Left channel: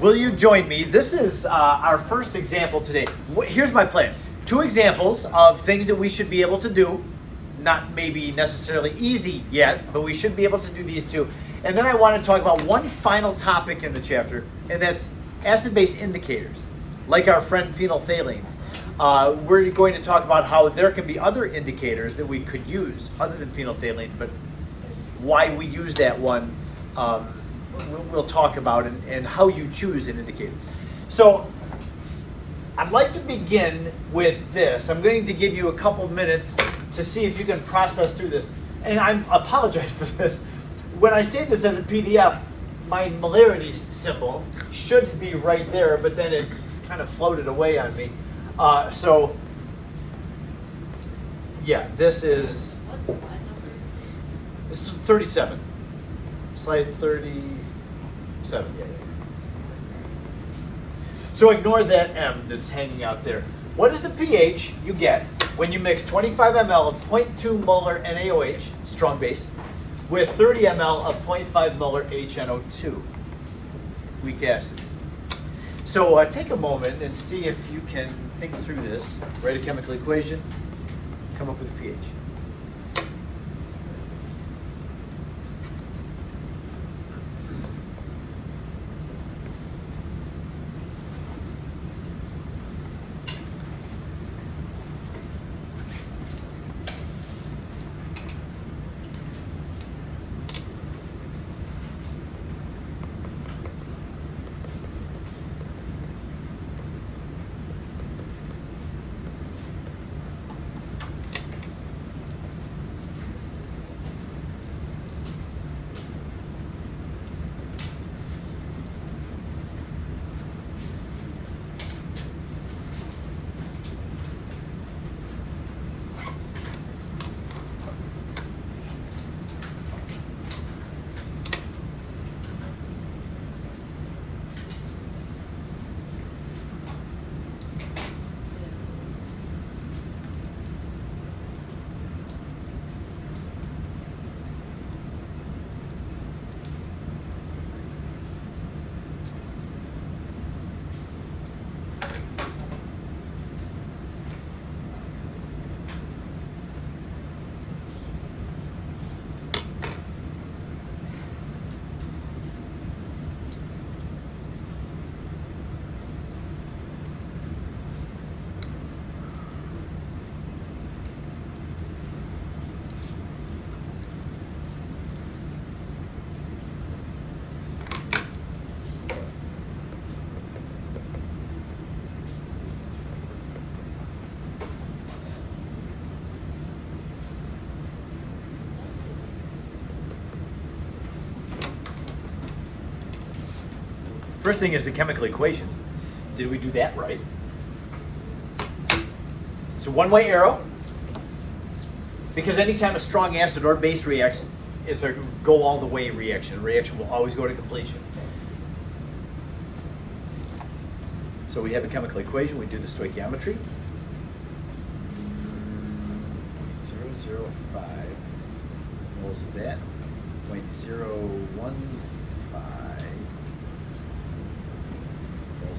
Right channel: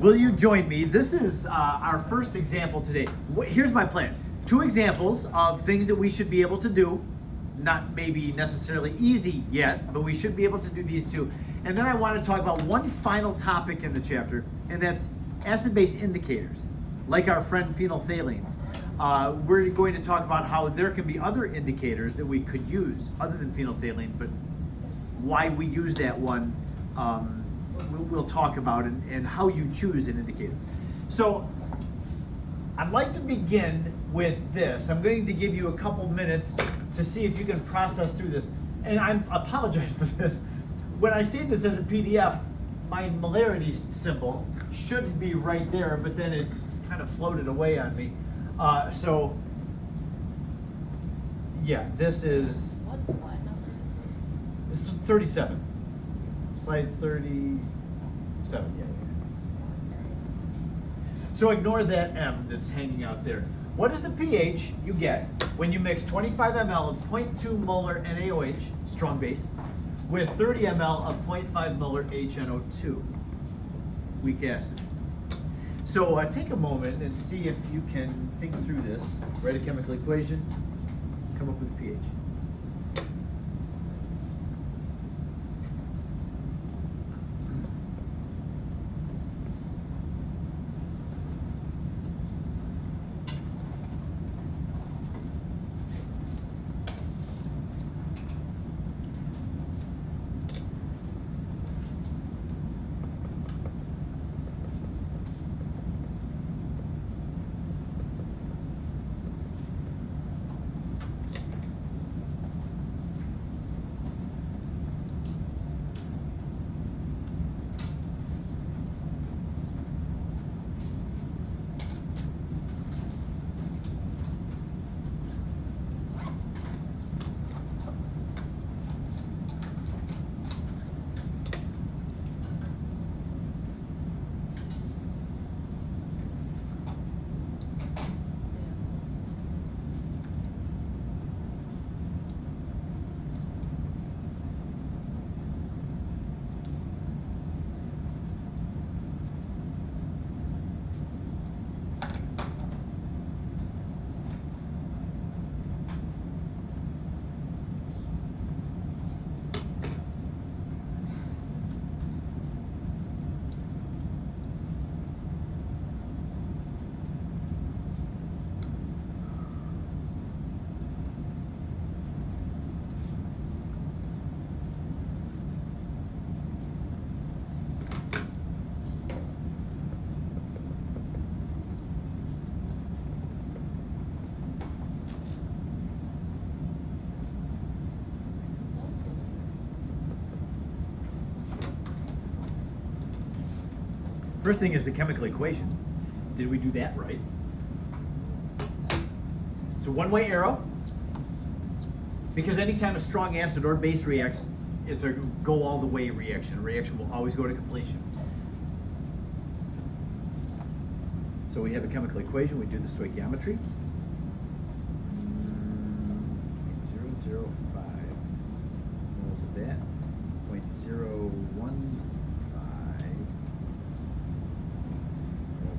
Will you join me? This is our first example today. Here's my plan. 2 examples of things that we should be able to do. Not maybe necessarily easy yet, but we should be able to do these 2. And then I want to talk about one final topic in the chapter, and that's acid-base indicators, like our friend phenolphthalein. We're going to talk about how there can be other indicators that we could use other than phenolphthalein, but why we use that one we'll talk about, and how you choose an indicator. So I'd like to begin with this. I'm going to give you a couple minutes to see if you can process through this. And I apologize for this. When I save this as a PDF, my molarity symbol should be right there, but then it's kind of floated away on me. So yeah, this is 37. Slide 37. So ignore that M that's hanging out there. What is the pH you get when you mix 25 ml of 0.2 molar NaOH, strong base, with 30 ml of 0.5 molar HNO2, weak acid? So take a moment and see if you can think through this. Write a chemical equation, come up with a pH. First thing is the chemical equation. Did we do that right? It's a one-way arrow, because anytime a strong acid or base reacts, it's a go all the way reaction. A reaction will always go to completion. So we have a chemical equation, we do the stoichiometry. 0.005 moles of that, 0.015 moles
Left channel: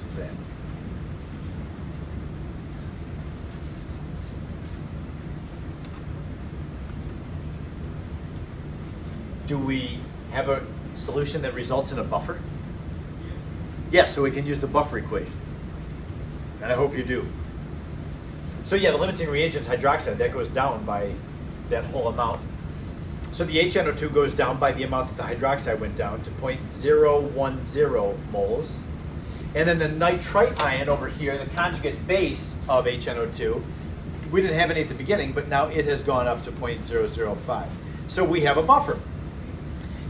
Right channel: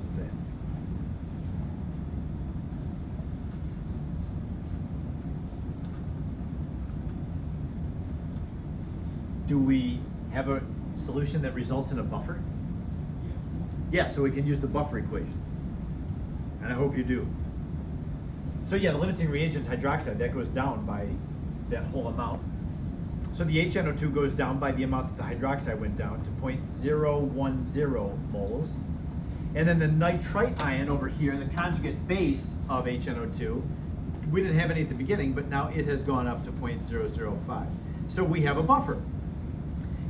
of that. Do we have a solution that results in a buffer? Yes, so we can use the buffer equation. And I hope you do. So yeah, the limiting reagent's hydroxide, that goes down by that whole amount. So the HNO2 goes down by the amount that the hydroxide went down to 0.010 moles. And then the nitrite ion over here, the conjugate base of HNO2, we didn't have any at the beginning, but now it has gone up to 0.005. So we have a buffer.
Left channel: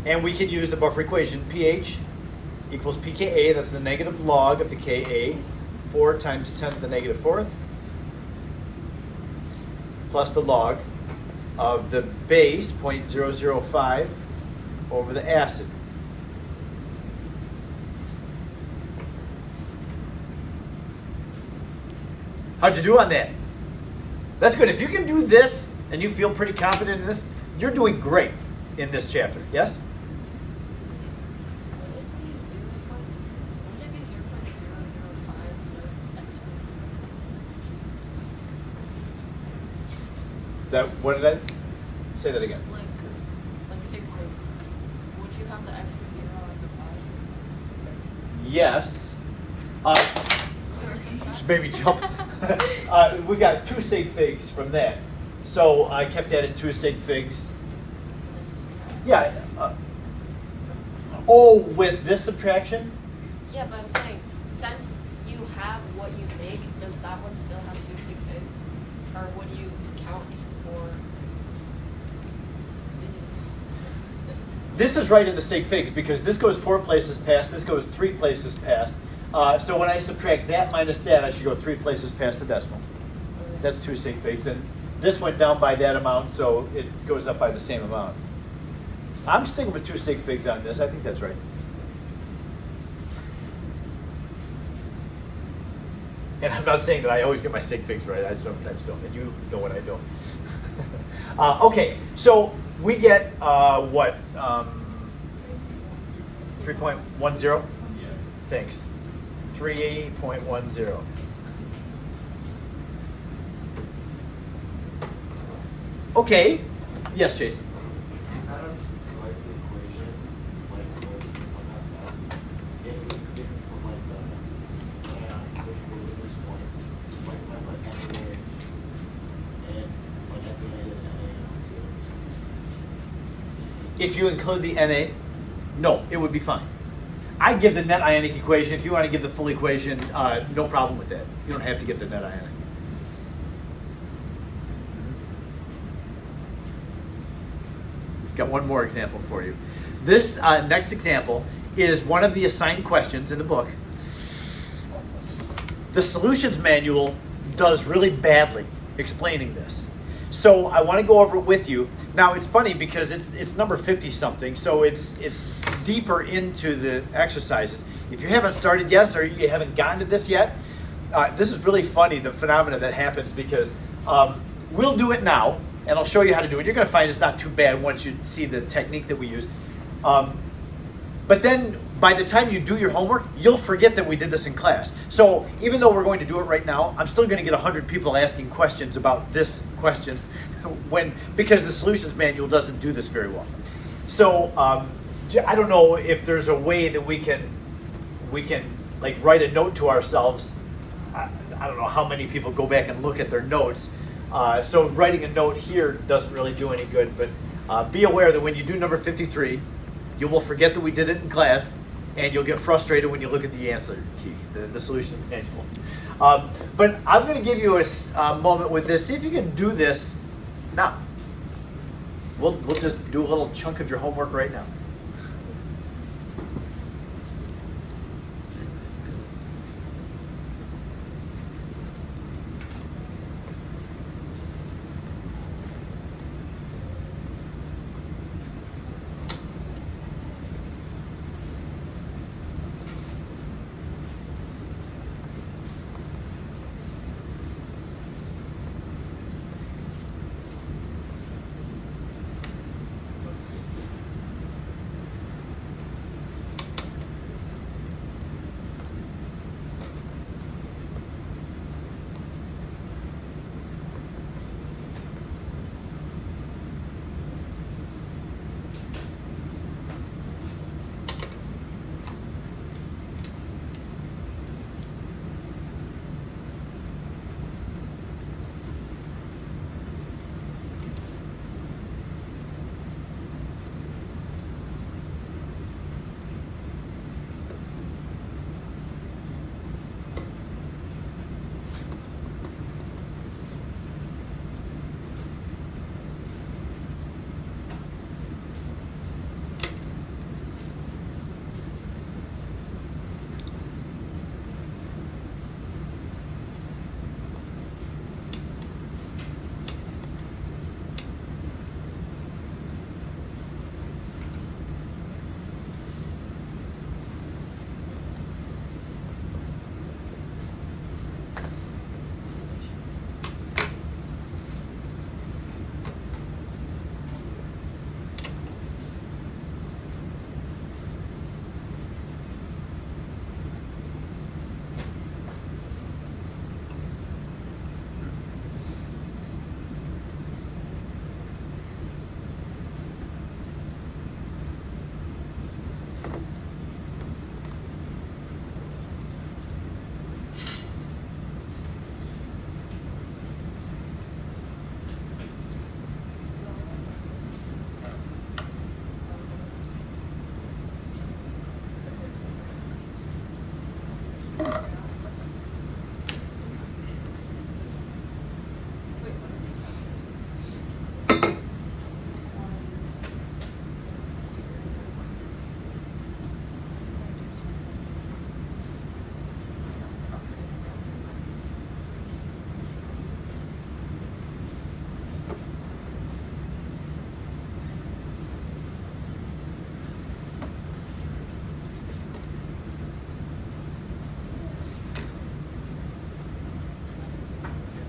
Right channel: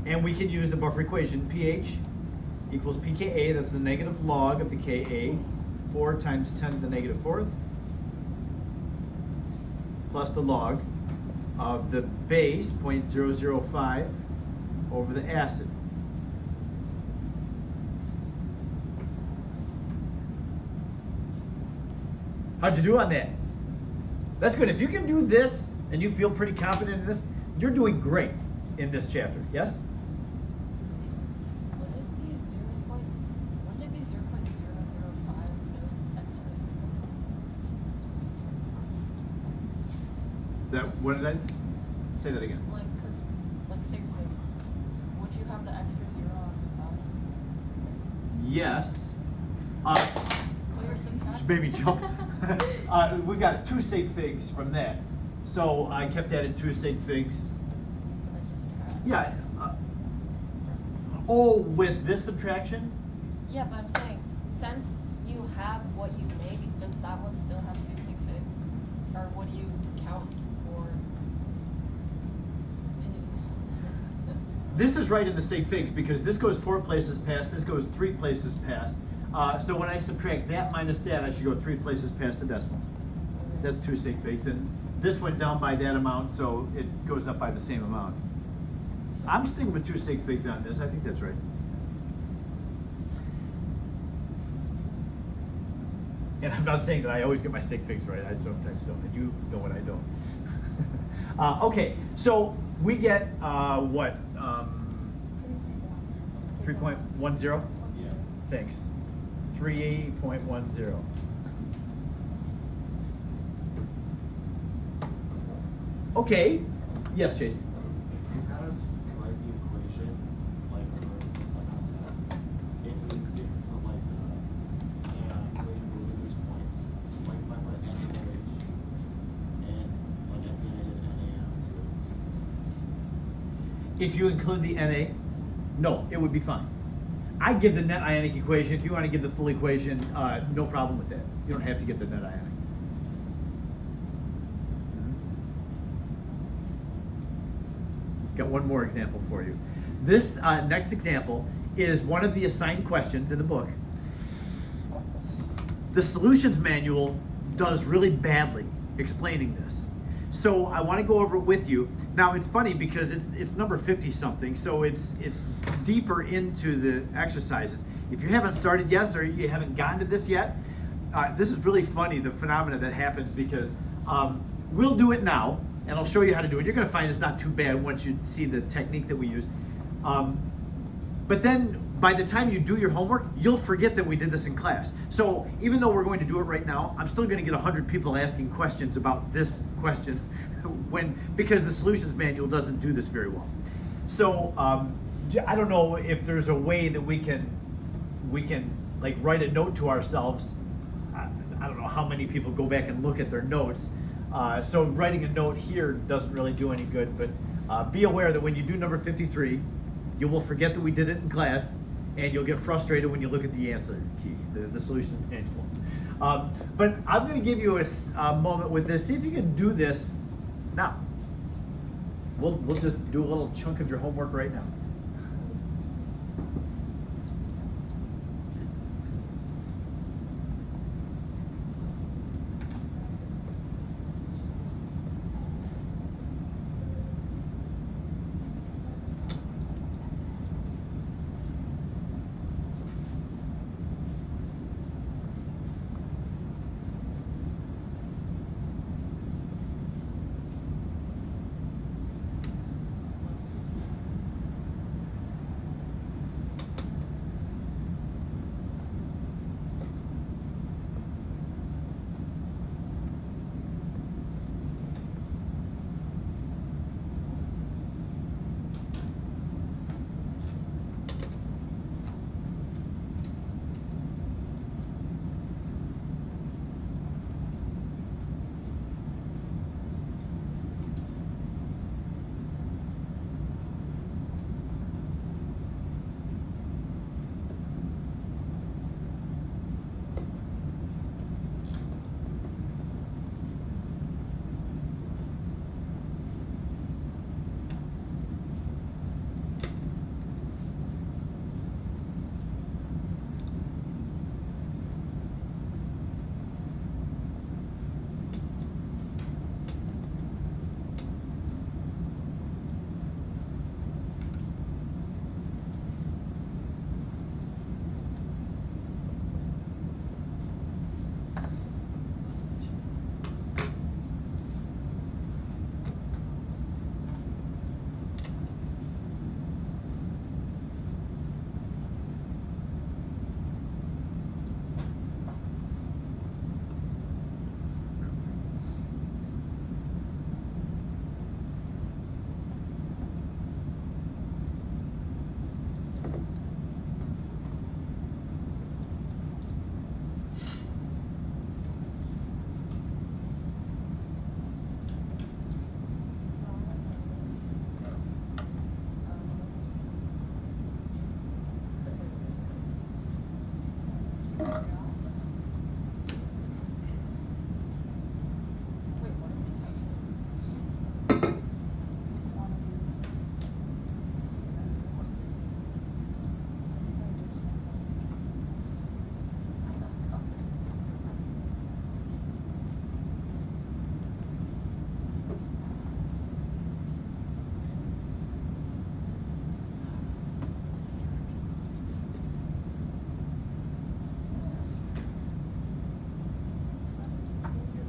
And we can use the buffer equation. pH equals pKa, that's the negative log of the Ka, 4 times 10 to the negative fourth, plus the log of the base, 0.005, over the acid. How'd you do on that? That's good. If you can do this and you feel pretty confident in this, you're doing great in this chapter, yes? That what did I say that again? Like, cause, like sig figs, would you have the extra zero at the positive? Yes. Or subtract? Just maybe jump. We got 2 sig figs from that. So I kept that at 2 sig figs. Yeah. Oh, with this subtraction? Yeah, but I'm saying, since you have what you make, does that one still have 2 sig figs? Or what do you count for? This is right in the sig figs because this goes 4 places past, this goes 3 places past. So when I subtract that minus that, I should go 3 places past the decimal. That's 2 sig figs. And this went down by that amount, so it goes up by the same amount. I'm sticking with 2 sig figs on this. I think that's right. And I'm not saying that I always get my sig figs right. I sometimes don't. And you know when I don't. Okay, so we get what? 3.10? Thanks. 3.10. Okay. Yes, Chase. How does like an equation like what is like that test? If we from like the and if you go to this points, just like NA and like at the end of NA too. If you include the NA, no, it would be fine. I give the net ionic equation. If you want to give the full equation, no problem with that. You don't have to give the net ionic. Got one more example for you. This next example is one of the assigned questions in the book. The solutions manual does really badly explaining this. So I want to go over it with you. Now it's funny because it's number 50 something, so it's deeper into the exercises. If you haven't started yet or you haven't gotten to this yet, this is really funny, the phenomena that happens, because we'll do it now and I'll show you how to do it. You're going to find it's not too bad once you see the technique that we use. But then by the time you do your homework, you'll forget that we did this in class. So even though we're going to do it right now, I'm still going to get 100 people asking questions about this question because the solutions manual doesn't do this very well. So I don't know if there's a way that we can like write a note to ourselves. I don't know how many people go back and look at their notes. So writing a note here doesn't really do any good, but be aware that when you do number 53, you will forget that we did it in class, and you'll get frustrated when you look at the answer key, the solution manual. But I'm going to give you a moment with this. See if you can do this now. We'll just do a little chunk of your homework right now.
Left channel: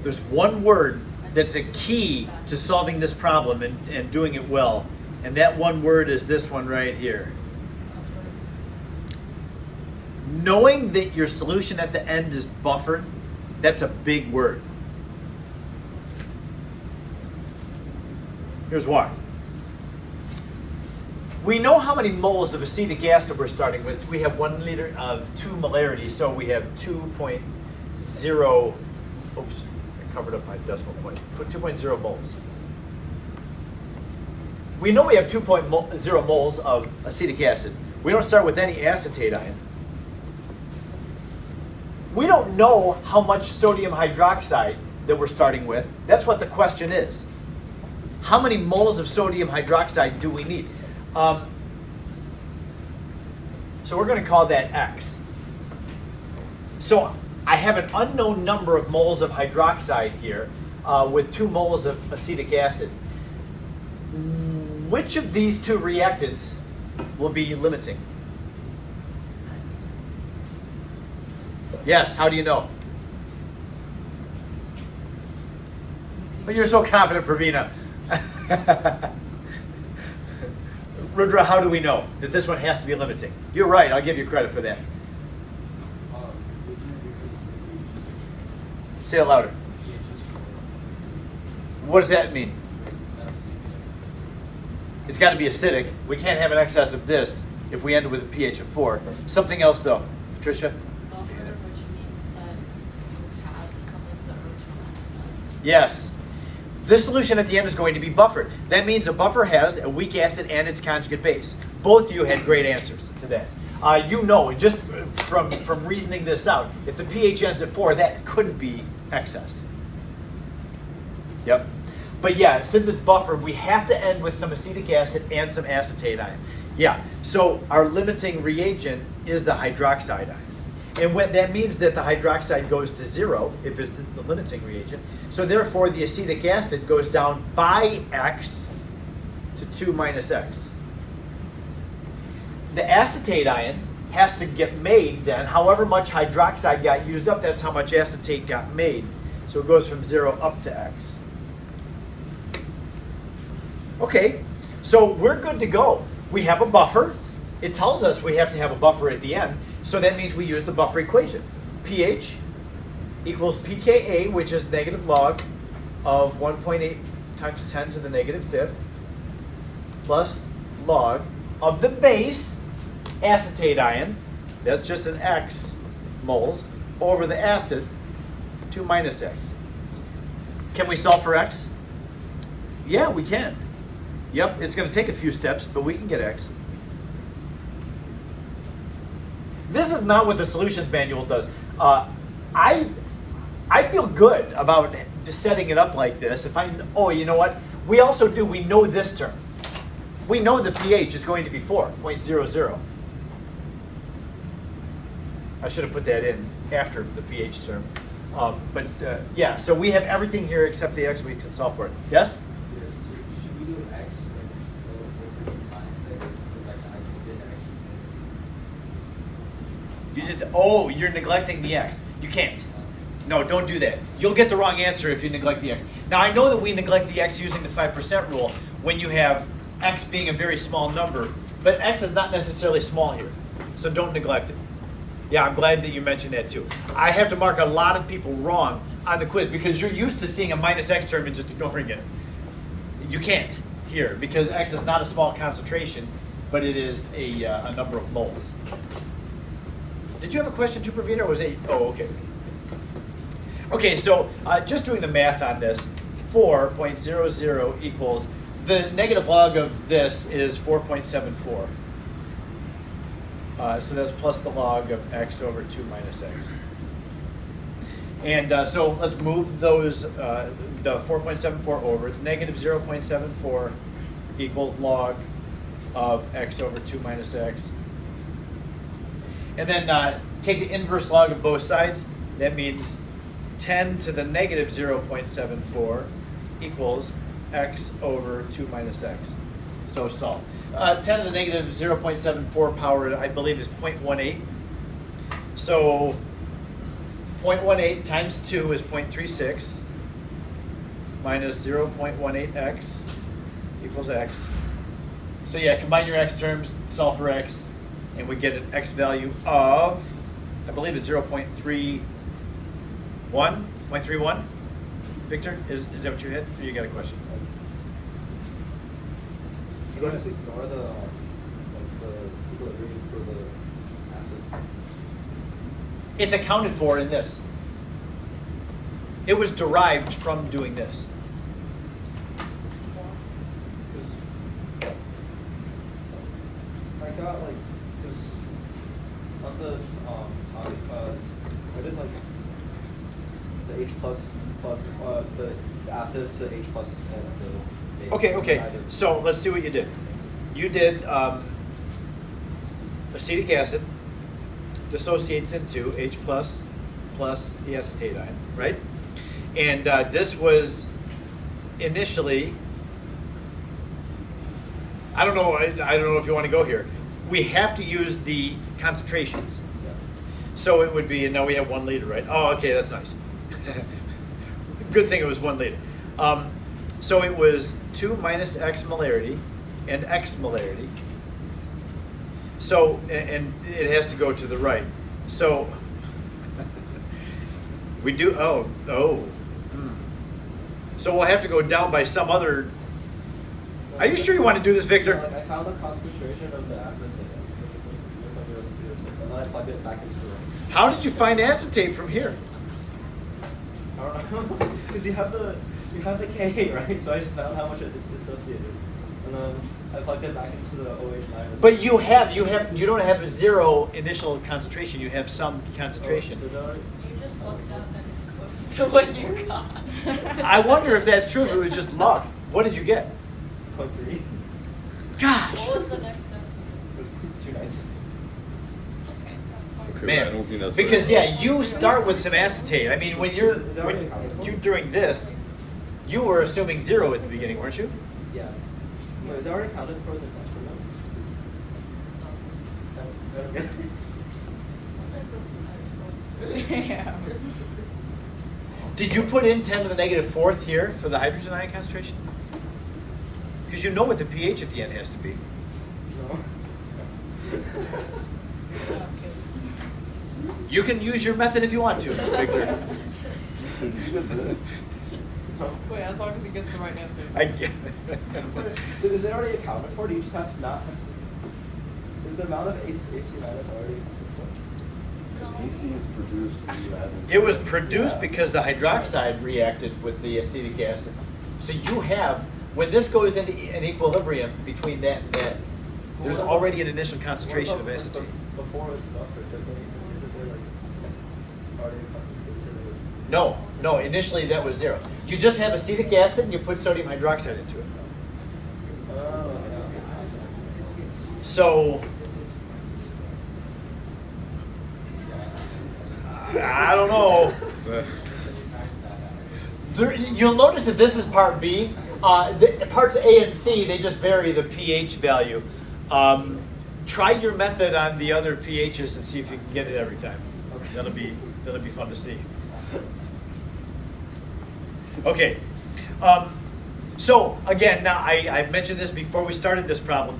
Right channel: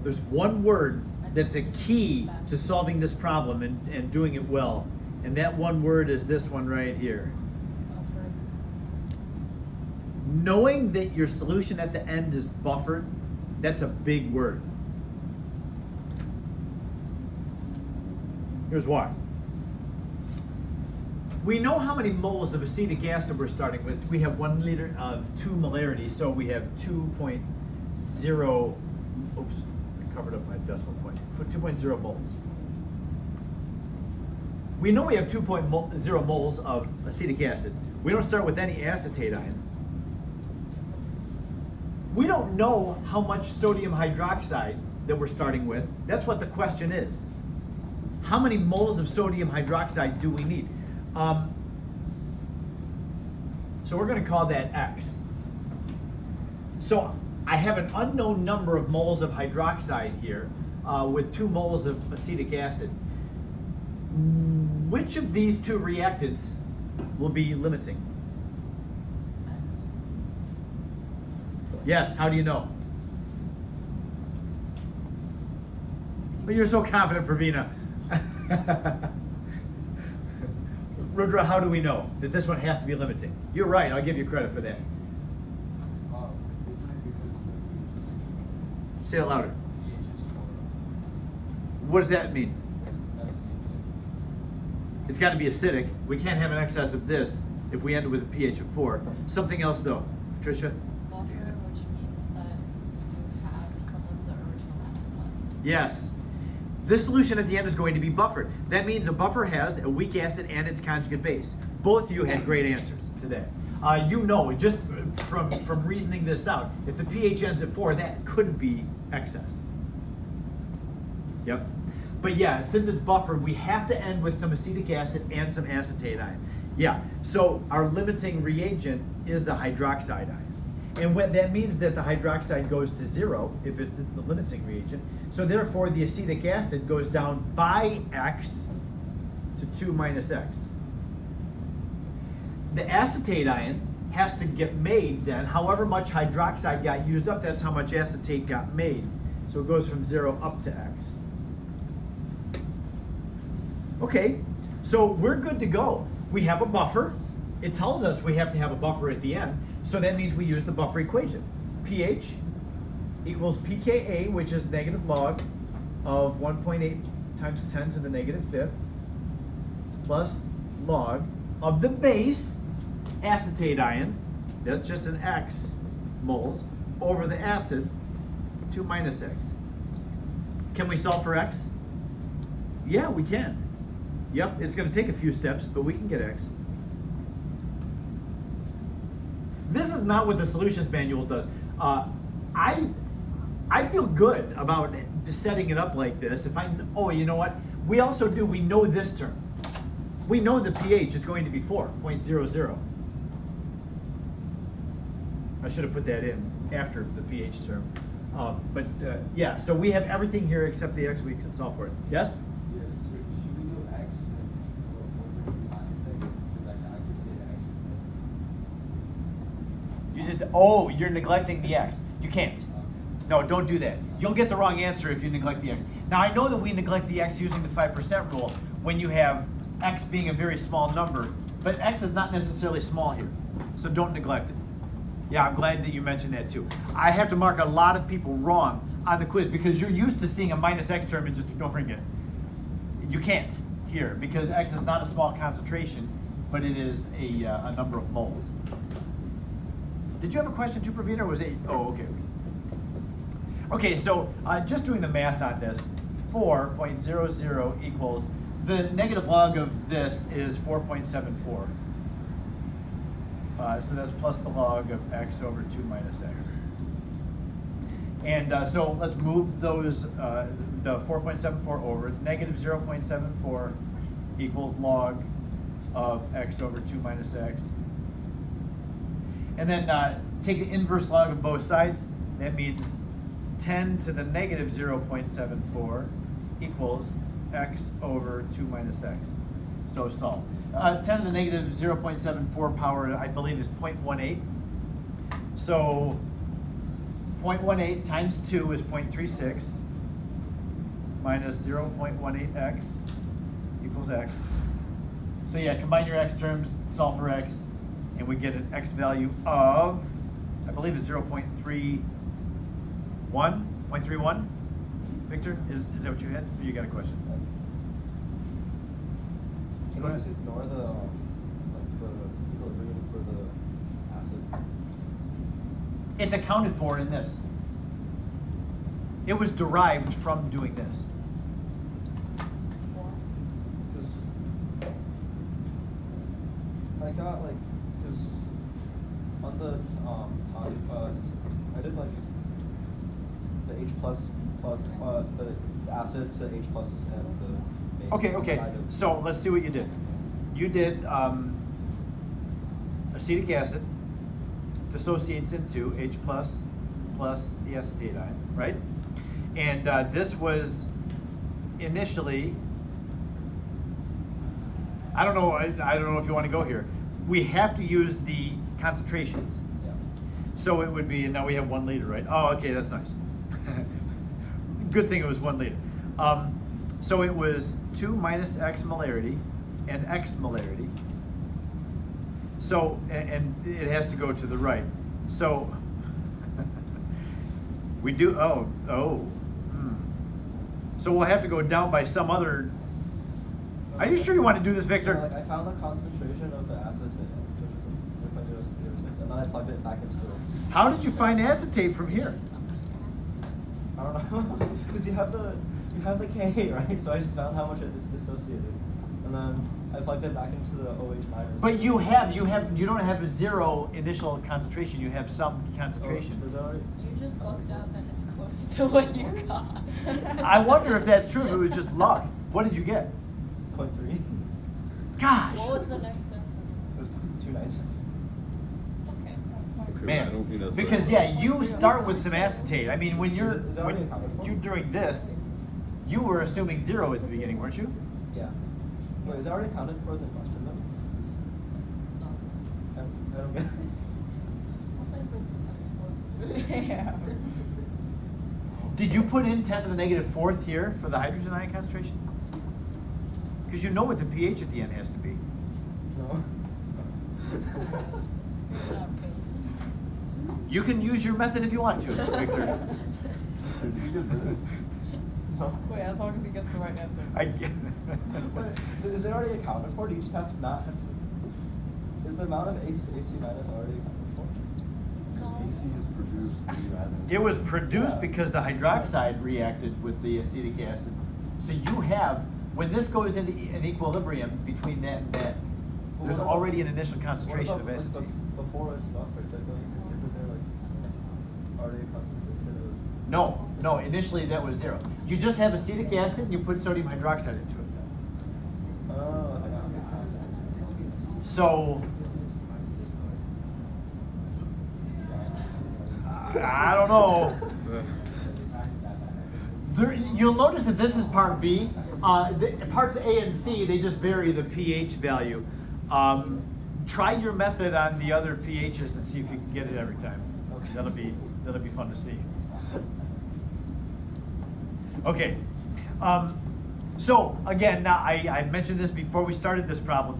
There's one word that's a key to solving this problem and doing it well. And that one word is this one right here. Knowing that your solution at the end is buffered, that's a big word. Here's why. We know how many moles of acetic acid we're starting with. We have 1 liter of 2 molarity, so we have 2.0, oops, I covered up my decimal point. Put 2.0 moles. We know we have 2.0 moles of acetic acid. We don't start with any acetate ion. We don't know how much sodium hydroxide that we're starting with. That's what the question is. How many moles of sodium hydroxide do we need? So we're going to call that X. So I have an unknown number of moles of hydroxide here with 2 moles of acetic acid. Which of these 2 reactants will be limiting? Yes, how do you know? But you're so confident, Pravina. Rudra, how do we know that this one has to be limiting? You're right, I'll give you credit for that. Say it louder. What does that mean? It's got to be acidic. We can't have an excess of this if we end with a pH of 4. Something else though, Patricia? Buffer, which means that you have some of the original acid. Yes. This solution at the end is going to be buffered. That means a buffer has a weak acid and its conjugate base. Both of you had great answers to that. You know, just from reasoning this out, if the pH ends at 4, that couldn't be excess. Yep. But yeah, since it's buffered, we have to end with some acetic acid and some acetate ion. Yeah, so our limiting reagent is the hydroxide ion. And when that means that the hydroxide goes to 0 if it's the limiting reagent. So therefore the acetic acid goes down by X to 2 minus X. The acetate ion has to get made then. However much hydroxide got used up, that's how much acetate got made. So it goes from 0 up to X. Okay, so we're good to go. We have a buffer. It tells us we have to have a buffer at the end. So that means we use the buffer equation. pH equals pKa, which is negative log of 1.8 times 10 to the negative 5th, plus log of the base, acetate ion, that's just an X moles, over the acid, 2 minus X. Can we solve for X? Yeah, we can. Yep, it's going to take a few steps, but we can get X. This is not what the solutions manual does. I feel good about just setting it up like this. Oh, you know what? We also do, we know this term. We know the pH is going to be 4.00. I should have put that in after the pH term. Yeah, so we have everything here except the X we can solve for it. Yes? Should we do X like minus X? Like I just did X. You're neglecting the X. You can't. No, don't do that. You'll get the wrong answer if you neglect the X. Now I know that we neglect the X using the 5% rule when you have X being a very small number, but X is not necessarily small here. So don't neglect it. Yeah, I'm glad that you mentioned that too. I have to mark a lot of people wrong on the quiz because you're used to seeing a minus X term and just ignoring it. You can't here because X is not a small concentration, but it is a number of moles. Did you have a question too, Pravina, or was it? Oh, okay. Okay, so just doing the math on this, 4.00 equals, the negative log of this is 4.74. So that's plus the log of X over 2 minus X. And so let's move those, the 4.74 over. It's negative 0.74 equals log of X over 2 minus X. And then take the inverse log of both sides. That means 10 to the negative 0.74 equals X over 2 minus X. So solve. 10 to the negative 0.74 power, I believe, is 0.18. So 0.18 times 2 is 0.36. minus 0.18x equals x. So yeah, combine your x terms, solve for x, and we get an x value of, I believe it's 0.31. Victor, is that what you hit? Or you got a question? Go ahead. Ignore the equilibrium for the acid. It's accounted for in this. It was derived from doing this. I got like, cause on the topic, is it like the H plus the acid to H plus and the base? Okay. Item? So let's see what you did. You did acetic acid dissociates into H plus the acetate ion, right? And this was initially, I don't know if you want to go here. We have to use the concentrations. Yeah. So it would be, and now we have 1 liter, right? Oh, okay, that's nice. Good thing it was 1 liter. So it was 2 minus x molarity and x molarity. So, and it has to go to the right. So we do, So we'll have to go down by some other. Are you sure you want to do this, Victor? Like I found the concentration of the acetate, because it was 0.06, and then I plugged it back into the right. How did you find acetate from here? I don't know, because you have the K, right? So I just found how much it dissociated, and then I plugged it back into the OH minus. But you don't have a 0 initial concentration. You have some concentration. Is that right? You just looked up and it's close to what you got. I wonder if that's true. If it was just luck. What did you get? 0.3. Gosh, What was the next test? It was too nice. Okay, man. I don't think that's Because very- yeah, you start with some acetate. I mean, when you're Is that when already accounted for? you doing this, you were assuming 0 at the beginning, weren't you? Yeah. Wait, is that already counted for the experiment? I don't get it. Did you put in 10 to the negative 4th here for the hydrogen ion concentration? Because you know what the pH at the end has to be. No. You can use your method if you want to, Victor. Did you get this? No. Wait, as long as he gets the right answer. I get Is it already accounted for? Do you just have to not have to, is the amount of AC minus already? Because AC is produced when you add in- It was produced because the hydroxide reacted with the acetic acid. So you have, when this goes into an equilibrium between that and that, there's already an initial concentration of acetate. Before it's not isn't there like already concentrated? No, initially that was 0. You just have acetic acid and you put sodium hydroxide into it. So, I don't know. You'll notice that this is part B. Parts A and C, they just vary the pH value. Try your method on the other pHs and see if you can get it every time. That'll be fun to see. Okay. So again, now I mentioned this before we started this problem.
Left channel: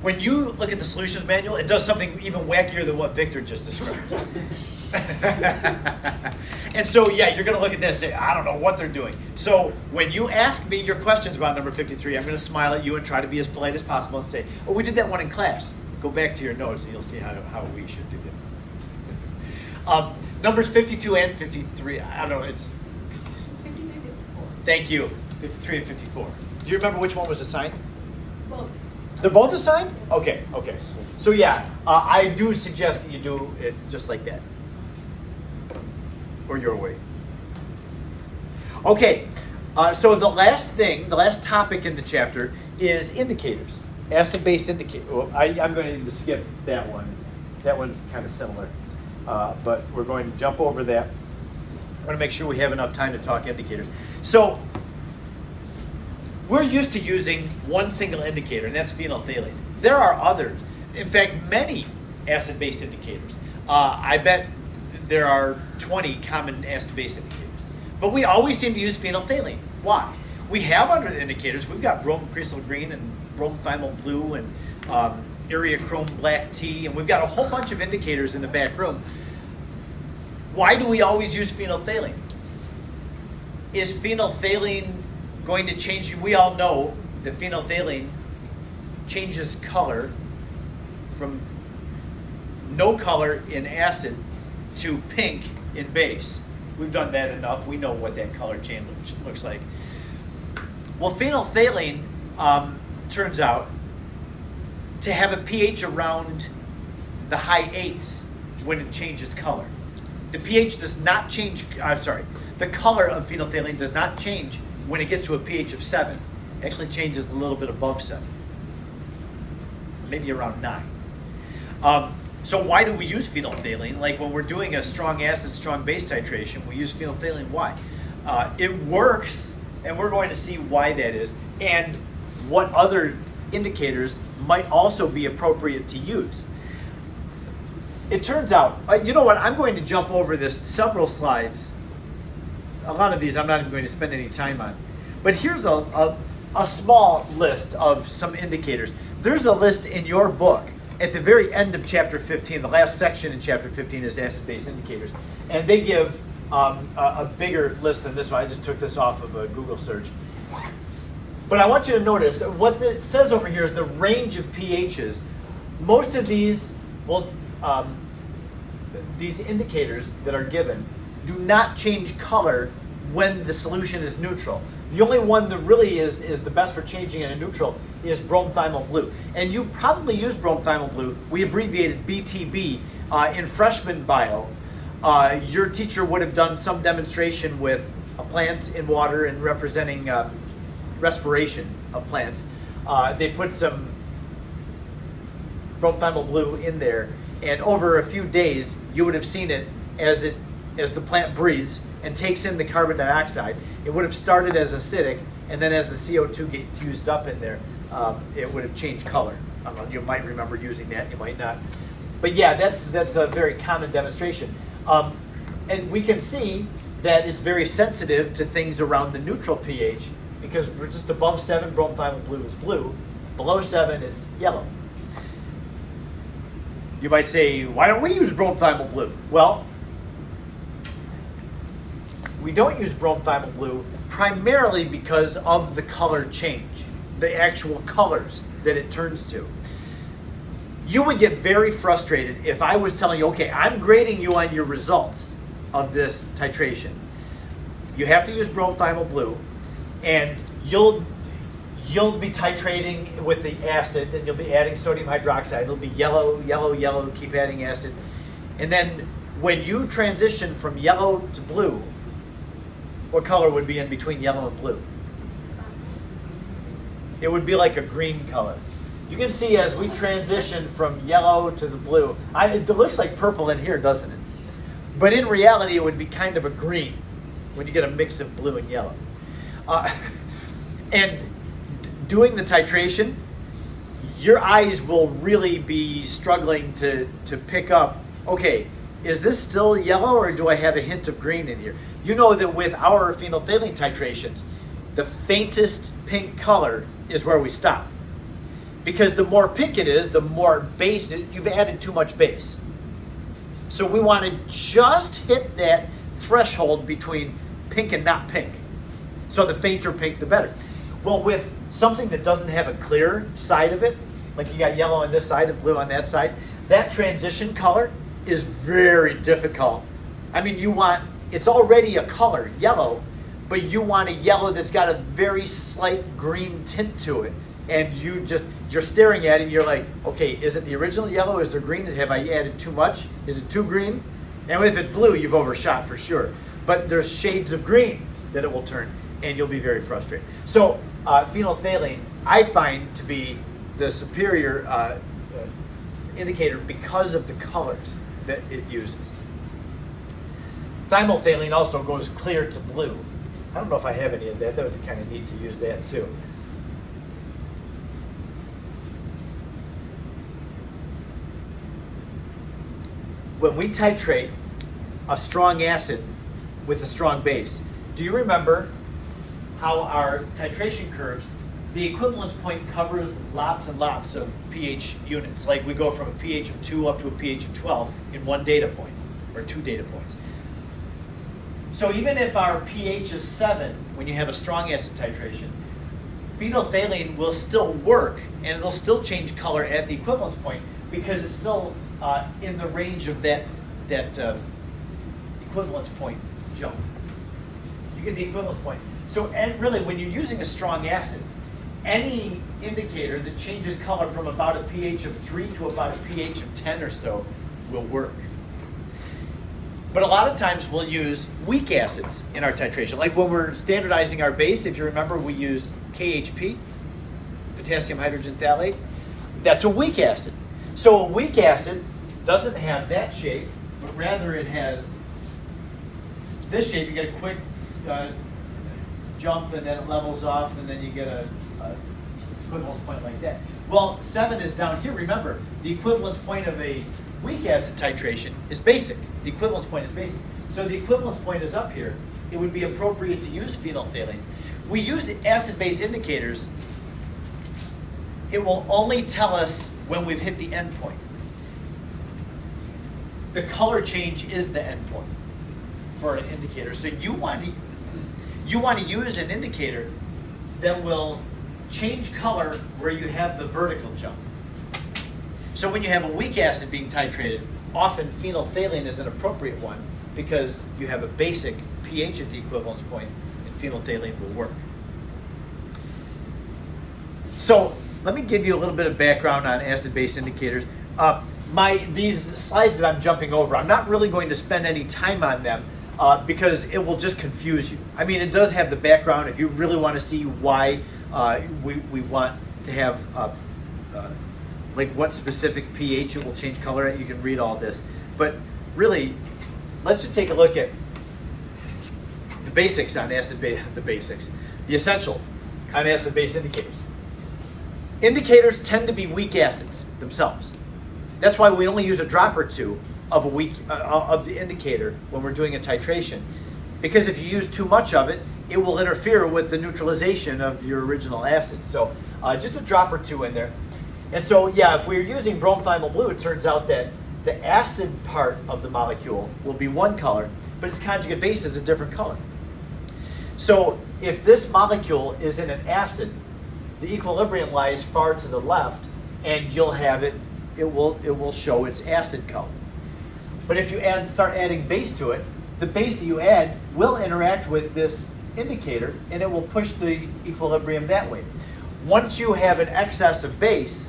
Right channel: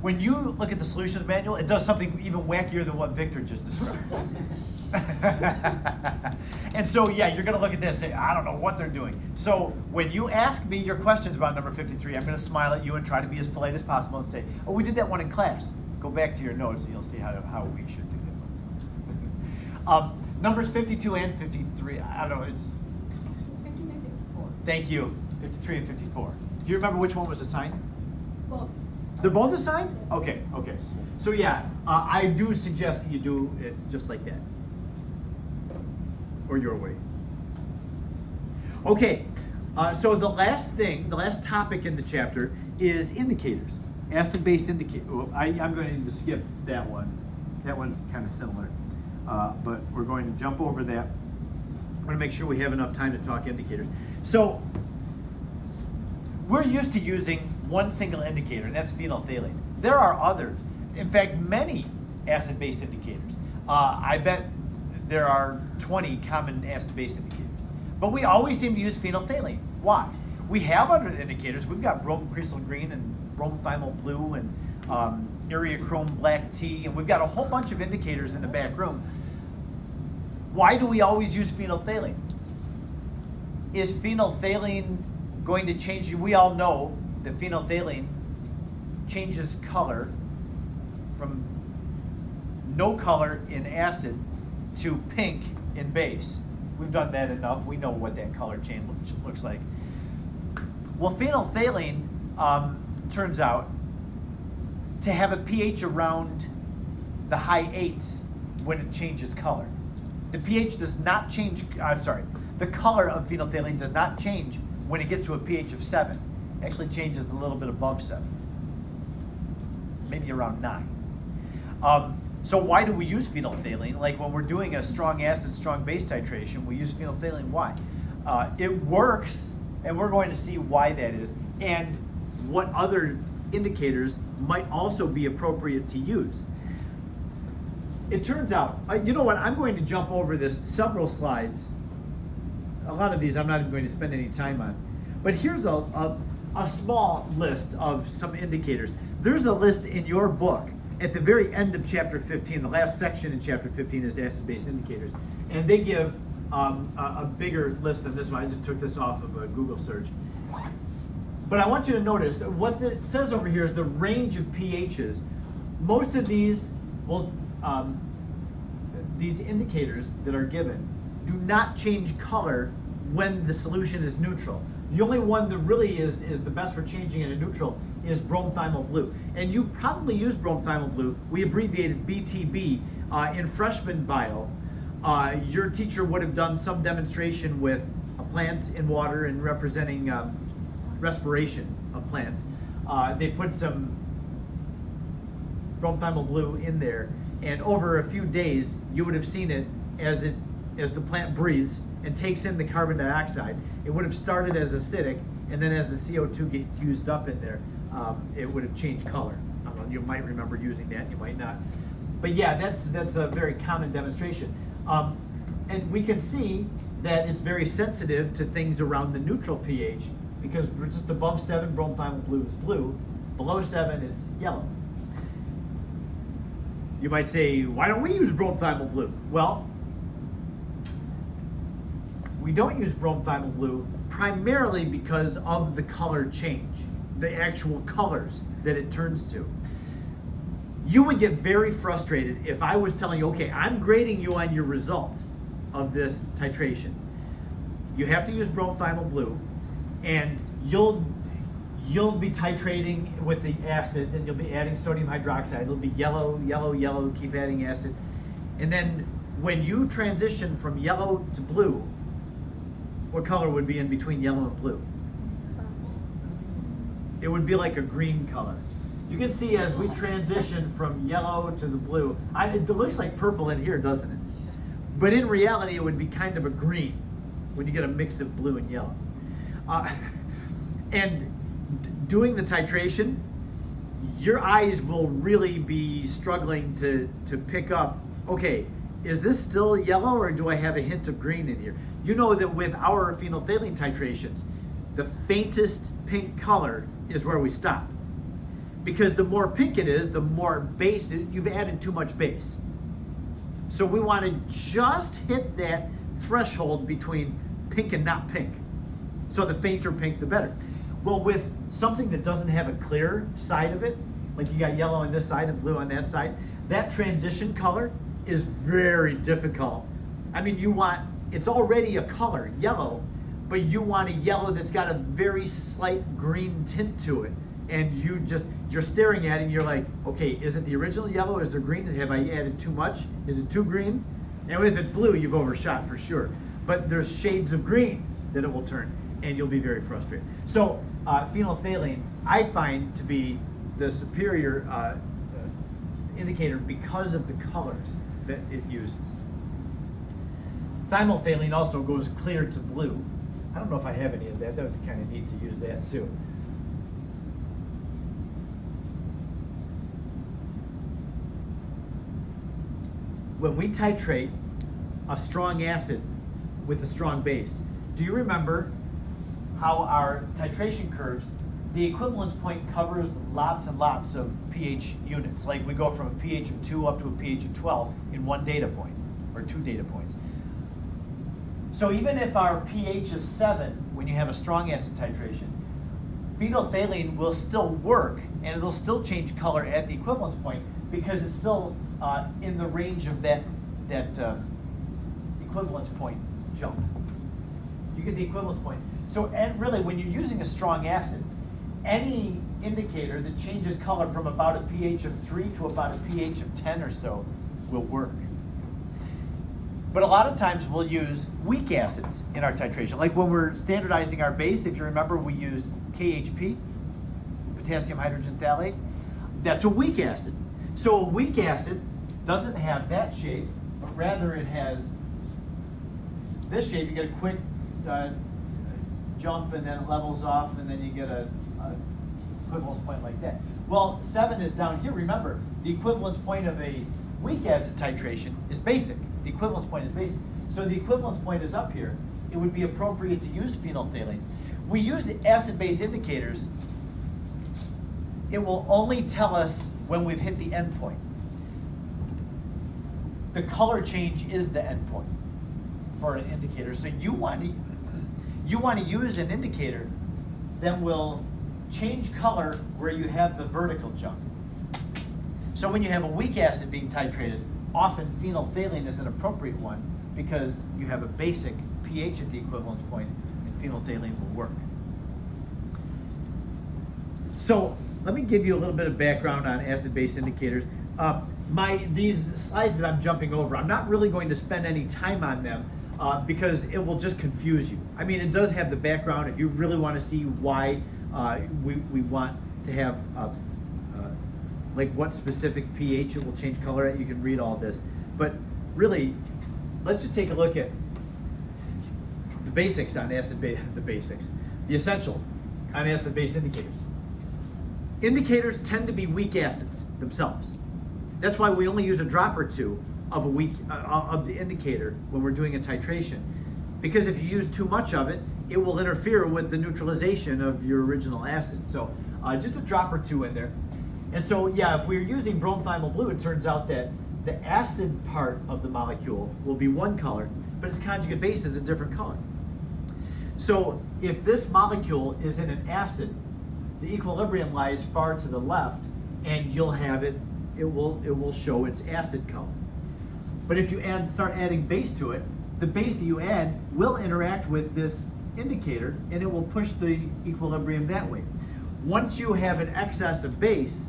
When you look at the solutions manual, it does something even wackier than what Victor just described. And so, yeah, you're going to look at this and say, I don't know what they're doing. So when you ask me your questions about number 53, I'm going to smile at you and try to be as polite as possible and say, oh, we did that one in class. Go back to your notes and you'll see how we should do it. Numbers 52 and 53, I don't know, it's, It's 53, 54. thank you, 53 and 54. Do you remember which one was assigned? Well, They're both assigned? Okay. So yeah, I do suggest that you do it just like that. Or your way. Okay, so the last topic in the chapter is indicators. Acid-base indicator. Well, I'm going to skip that one. That one's kind of similar. But we're going to jump over that. I want to make sure we have enough time to talk indicators. So, we're used to using one single indicator, and that's phenolphthalein. There are others. In fact, many acid-base indicators. I bet there are 20 common acid-base indicators. But we always seem to use phenolphthalein. Why? We have under the indicators, we've got bromocresol green and bromothiamyl blue and Areochrome black tea, and we've got a whole bunch of indicators in the back room. Why do we always use phenolphthalein? Is phenolphthalein going to change? We all know that phenolphthalein changes color from no color in acid to pink in base. We've done that enough. We know what that color change looks like. Well, phenolphthalein turns out to have a pH around the high 8s when it changes color. The pH does not change, the color of phenolphthalein does not change when it gets to a pH of 7. It actually changes a little bit above 7, maybe around 9. So why do we use phenolphthalein? Like when we're doing a strong acid, strong base titration, we use phenolphthalein. Why? It works, and we're going to see why that is, and what other indicators might also be appropriate to use. It turns out, you know what, I'm going to jump over this several slides. A lot of these I'm not even going to spend any time on. But here's a small list of some indicators. There's a list in your book at the very end of chapter 15. The last section in chapter 15 is acid-base indicators. And they give a bigger list than this one. I just took this off of a Google search. But I want you to notice that what it says over here is the range of pHs. Most of these will, these indicators that are given do not change color when the solution is neutral. The only one that really is the best for changing in a neutral is bromothiamyl blue. And you probably use bromothiamyl blue. We abbreviated BTB in freshman bio. Your teacher would have done some demonstration with a plant in water and representing respiration of plants. They put some bromothiamyl blue in there, and over a few days you would have seen it as the plant breathes and takes in the carbon dioxide. It would have started as acidic, and then as the CO2 gets used up in there, it would have changed color. You might remember using that, you might not. But yeah, that's a very common demonstration. And we can see that it's very sensitive to things around the neutral pH, because we're just above 7, bromothiamyl blue is blue. Below 7, it's yellow. You might say, why don't we use bromothiamyl blue? Well, we don't use bromothiamyl blue primarily because of the color change, the actual colors that it turns to. You would get very frustrated if I was telling you, okay, I'm grading you on your results of this titration. You have to use bromothiamyl blue, and you'll be titrating with the acid, and you'll be adding sodium hydroxide. It'll be yellow, yellow, yellow, keep adding acid. And then when you transition from yellow to blue, what color would be in between yellow and blue? It would be like a green color. You can see as we transition from yellow to the blue, it looks like purple in here, doesn't it? But in reality, it would be kind of a green when you get a mix of blue and yellow. And doing the titration, your eyes will really be struggling to pick up, okay, is this still yellow or do I have a hint of green in here? You know that with our phenolphthalein titrations, the faintest pink color is where we stop. Because the more pink it is, the more base, you've added too much base. So we want to just hit that threshold between pink and not pink. So the fainter pink, the better. Well, with something that doesn't have a clear side of it, like you got yellow on this side and blue on that side, that transition color is very difficult. I mean, it's already a color, yellow, but you want a yellow that's got a very slight green tint to it. And you're staring at it and you're like, okay, is it the original yellow? Is there green? Have I added too much? Is it too green? And if it's blue, you've overshot for sure. But there's shades of green that it will turn, and you'll be very frustrated. So phenolphthalein, I find to be the superior indicator because of the colors that it uses. Thymolphthalein also goes clear to blue. I don't know if I have any of that. That would be kind of neat to use that too. When we titrate a strong acid with a strong base, do you remember how our titration curves, the equivalence point covers lots and lots of pH units. Like we go from a pH of 2 up to a pH of 12 in one data point, or 2 data points. So even if our pH is 7, when you have a strong acid titration, phenolphthalein will still work, and it'll still change color at the equivalence point because it's still in the range of that equivalence point jump. You get the equivalence point. So, and really, when you're using a strong acid, any indicator that changes color from about a pH of 3 to about a pH of 10 or so will work. But a lot of times we'll use weak acids in our titration. Like when we're standardizing our base, if you remember, we used KHP, potassium hydrogen phthalate. That's a weak acid. So a weak acid doesn't have that shape, but rather it has this shape. You get a quick jump, and then it levels off, and then you get a equivalence point like that. Well, 7 is down here. Remember, the equivalence point of a weak acid titration is basic. The equivalence point is basic. So the equivalence point is up here. It would be appropriate to use phenolphthalein. We use acid-base indicators. It will only tell us when we've hit the end point. The color change is the end point for an indicator. So you want to use an indicator that will change color where you have the vertical jump. So when you have a weak acid being titrated, often phenolphthalein is an appropriate one because you have a basic pH at the equivalence point, and phenolphthalein will work. So let me give you a little bit of background on acid-base indicators. These slides that I'm jumping over, I'm not really going to spend any time on them because it will just confuse you. I mean, it does have the background. If you really want to see why we want to have like what specific pH it will change color at, you can read all this. But really, let's just take a look at the basics on acid-base, the essentials on acid-base indicators. Indicators tend to be weak acids themselves. That's why we only use a drop or two of of the indicator when we're doing a titration. Because if you use too much of it, it will interfere with the neutralization of your original acid. So just a drop or two in there. And so, yeah, if we're using bromethymol blue, it turns out that the acid part of the molecule will be one color, but its conjugate base is a different color. So if this molecule is in an acid, the equilibrium lies far to the left, and you'll have it will show its acid color. But if you start adding base to it, the base that you add will interact with this indicator, and it will push the equilibrium that way. Once you have an excess of base,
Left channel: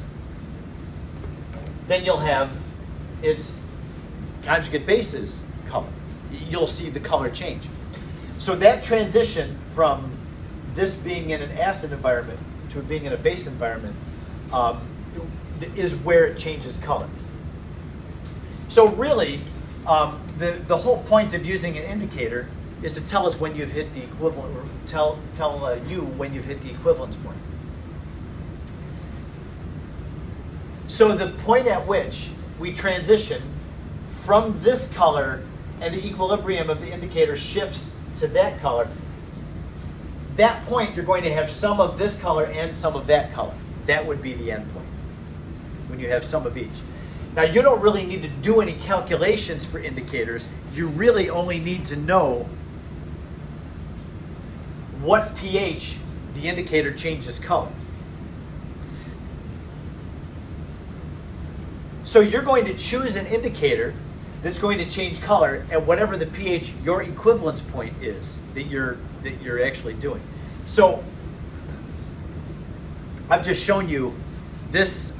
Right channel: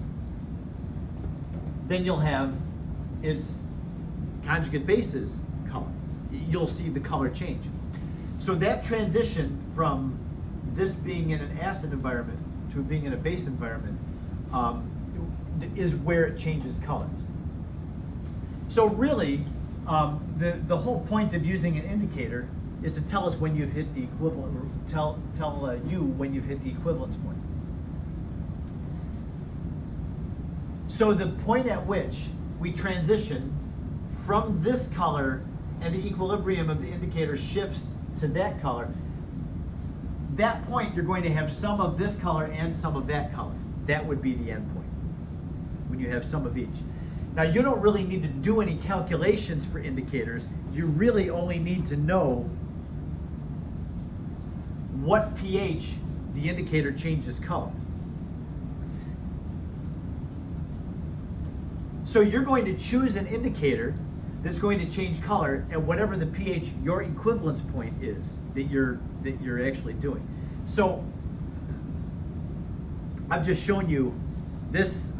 then you'll have its conjugate bases color. You'll see the color change. So that transition from this being in an acid environment to being in a base environment is where it changes color. So really, the whole point of using an indicator is to tell us when you've hit the equivalent, or tell you when you've hit the equivalence point. So the point at which we transition from this color and the equilibrium of the indicator shifts to that color, that point you're going to have some of this color and some of that color. That would be the end point, when you have some of each. Now you don't really need to do any calculations for indicators. You really only need to know what pH the indicator changes color. So you're going to choose an indicator that's going to change color at whatever the pH your equivalence point is that you're actually doing. So I've just shown you this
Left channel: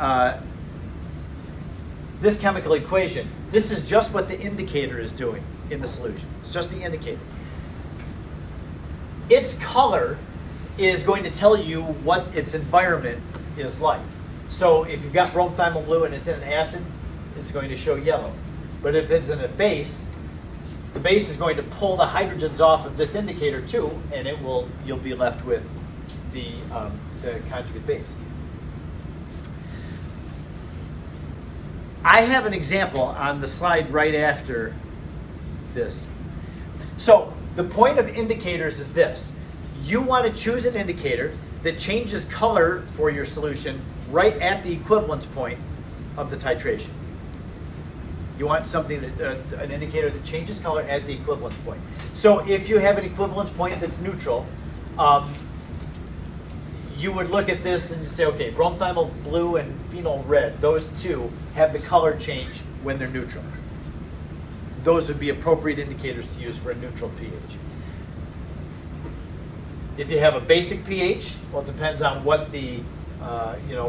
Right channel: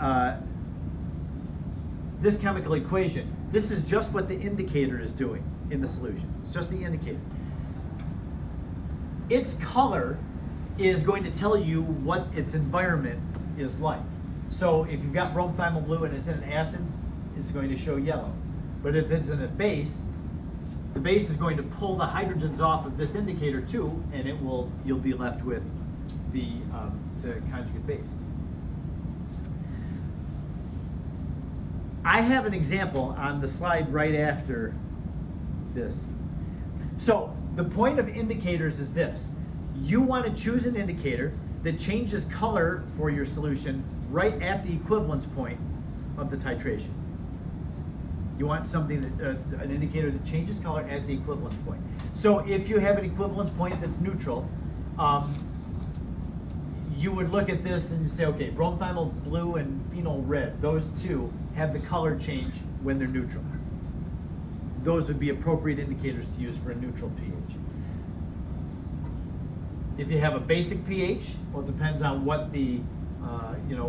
this chemical equation. This is just what the indicator is doing in the solution. It's just the indicator. Its color is going to tell you what its environment is like. So if you've got bromethymol blue and it's in an acid, it's going to show yellow. But if it's in a base, the base is going to pull the hydrogens off of this indicator too, and you'll be left with the conjugate base. I have an example on the slide right after this. So The point of indicators is this. You want to choose an indicator that changes color for your solution right at the equivalence point of the titration. You want something that, an indicator that changes color at the equivalence point. So if you have an equivalence point that's neutral, you would look at this and say, okay, bromothymol blue and phenol red, those two have the color change when they're neutral. Those would be appropriate indicators to use for a neutral pH. If you have a basic pH, well, it depends on what the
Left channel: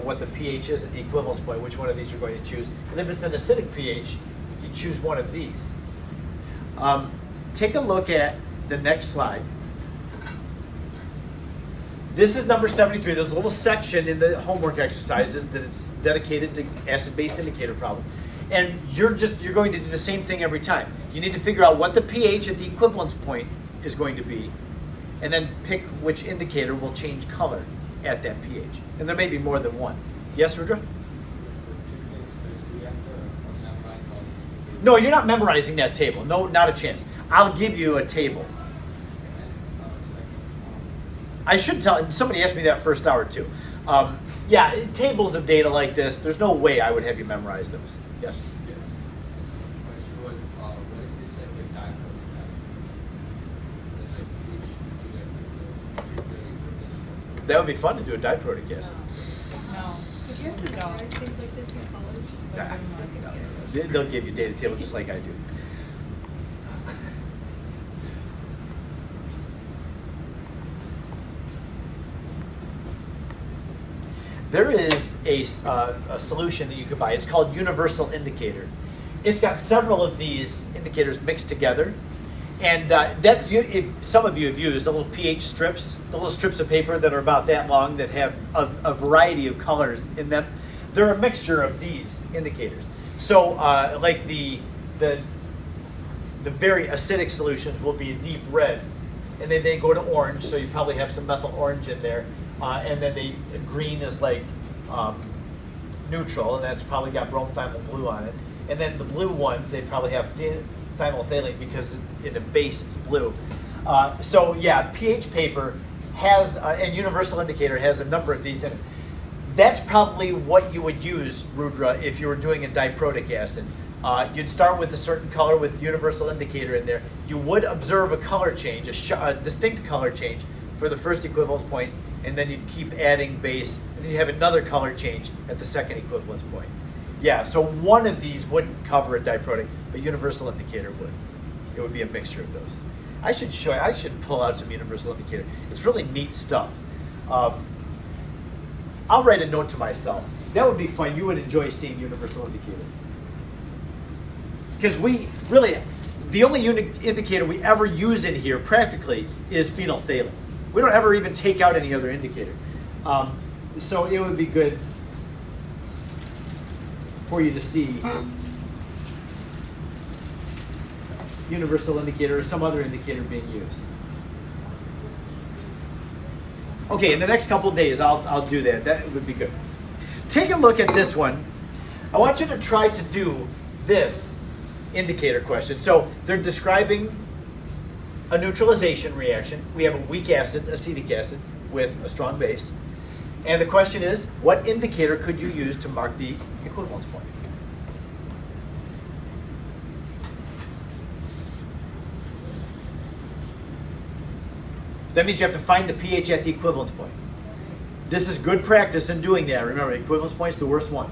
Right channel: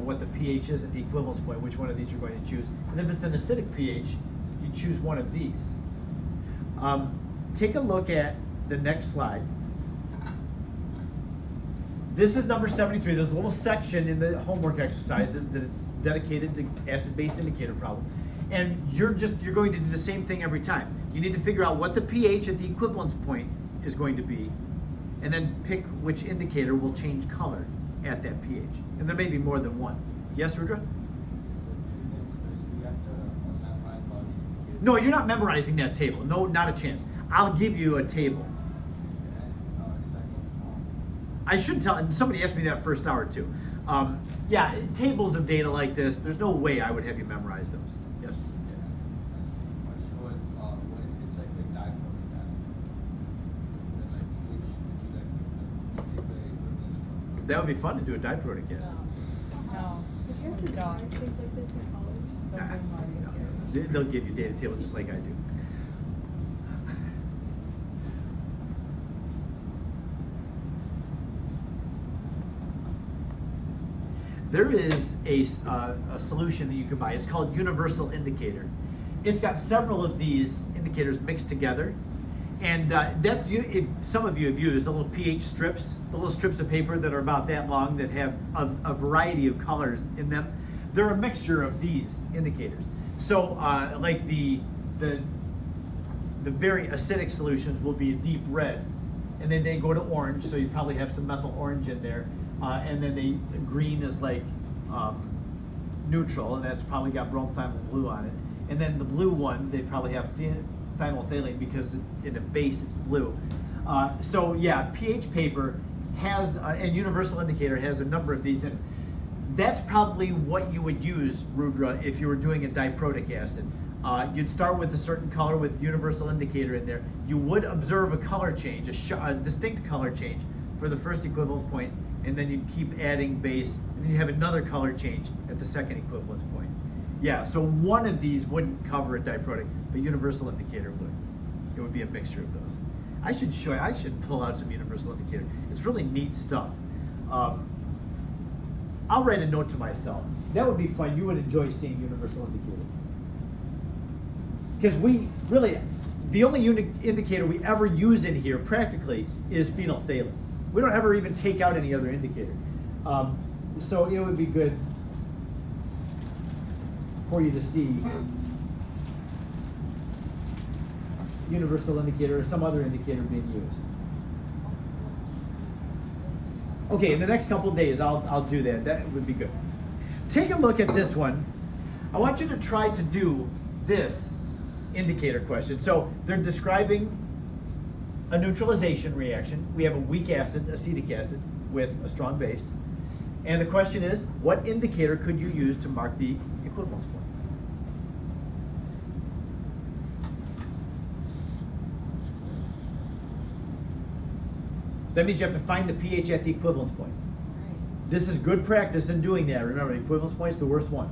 what the pH is at the equivalence point, which one of these you're going to choose. And if it's an acidic pH, you choose one of these. Take a look at the next slide. This is number 73. There's a little section in the homework exercises that it's dedicated to acid-base indicator problem. And you're going to do the same thing every time. You need to figure out what the pH at the equivalence point is going to be, and then pick which indicator will change color at that pH. And there may be more than one. Yes, Rudra? No, you're not memorizing that table. No, not a chance. I'll give you a table. I should tell, somebody asked me that first hour too. Yeah, tables of data like this, there's no way I would have you memorize those. Yes? That would be fun to do a diprotic acid. Nah, no. They'll give you a data table just like I do. There is a solution that you can buy. It's called Universal Indicator. It's got several of these indicators mixed together. And some of you have used the little pH strips, the little strips of paper that are about that long that have a variety of colors in them. They're a mixture of these indicators. So like the very acidic solutions will be a deep red, and then they go to orange, so you probably have some methyl orange in there. And then the green is like neutral, and that's probably got bromothymol blue on it. And then the blue ones, they probably have phenolphthalein because in the base it's blue. So yeah, pH paper has, and Universal Indicator has a number of these in it. That's probably what you would use, Rudra, if you were doing a diprotic acid. You'd start with a certain color with Universal Indicator in there. You would observe a color change, a distinct color change for the first equivalence point, and then you'd keep adding base, and then you have another color change at the second equivalence point. Yeah, so one of these wouldn't cover a diprotic, but Universal Indicator would. It would be a mixture of those. I should show you, I should pull out some Universal Indicator. It's really neat stuff. I'll write a note to myself. That would be fun. You would enjoy seeing Universal Indicator. Because we really, the only indicator we ever use in here practically is phenolphthalein. We don't ever even take out any other indicator. So it would be good for you to see Universal Indicator or some other indicator being used. Okay, in the next couple of days, I'll do that. That would be good. Take a look at this one. I want you to try to do this indicator question. So they're describing a neutralization reaction. We have a weak acid, acetic acid, with a strong base. And the question is, what indicator could you use to mark the equivalence point? That means you have to find the pH at the equivalence point. This is good practice in doing that. Remember, equivalence point is the worst one.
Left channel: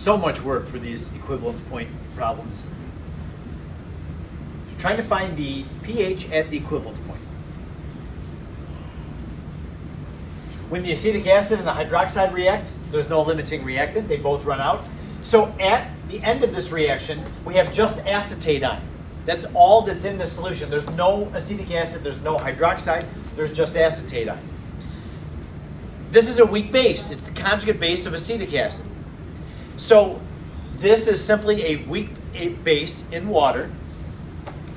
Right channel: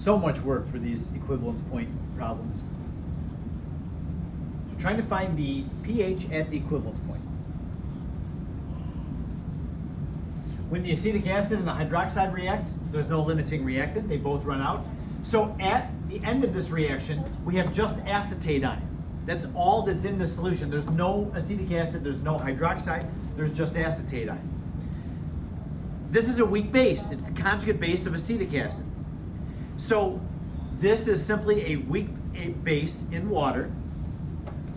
So much work for these equivalence point problems. Trying to find the pH at the equivalence point. When the acetic acid and the hydroxide react, there's no limiting reactant, they both run out. So at the end of this reaction, we have just acetate ion. That's all that's in the solution. There's no acetic acid, there's no hydroxide, there's just acetate ion. This is a weak base. It's the conjugate base of acetic acid. So this is simply a weak base in water,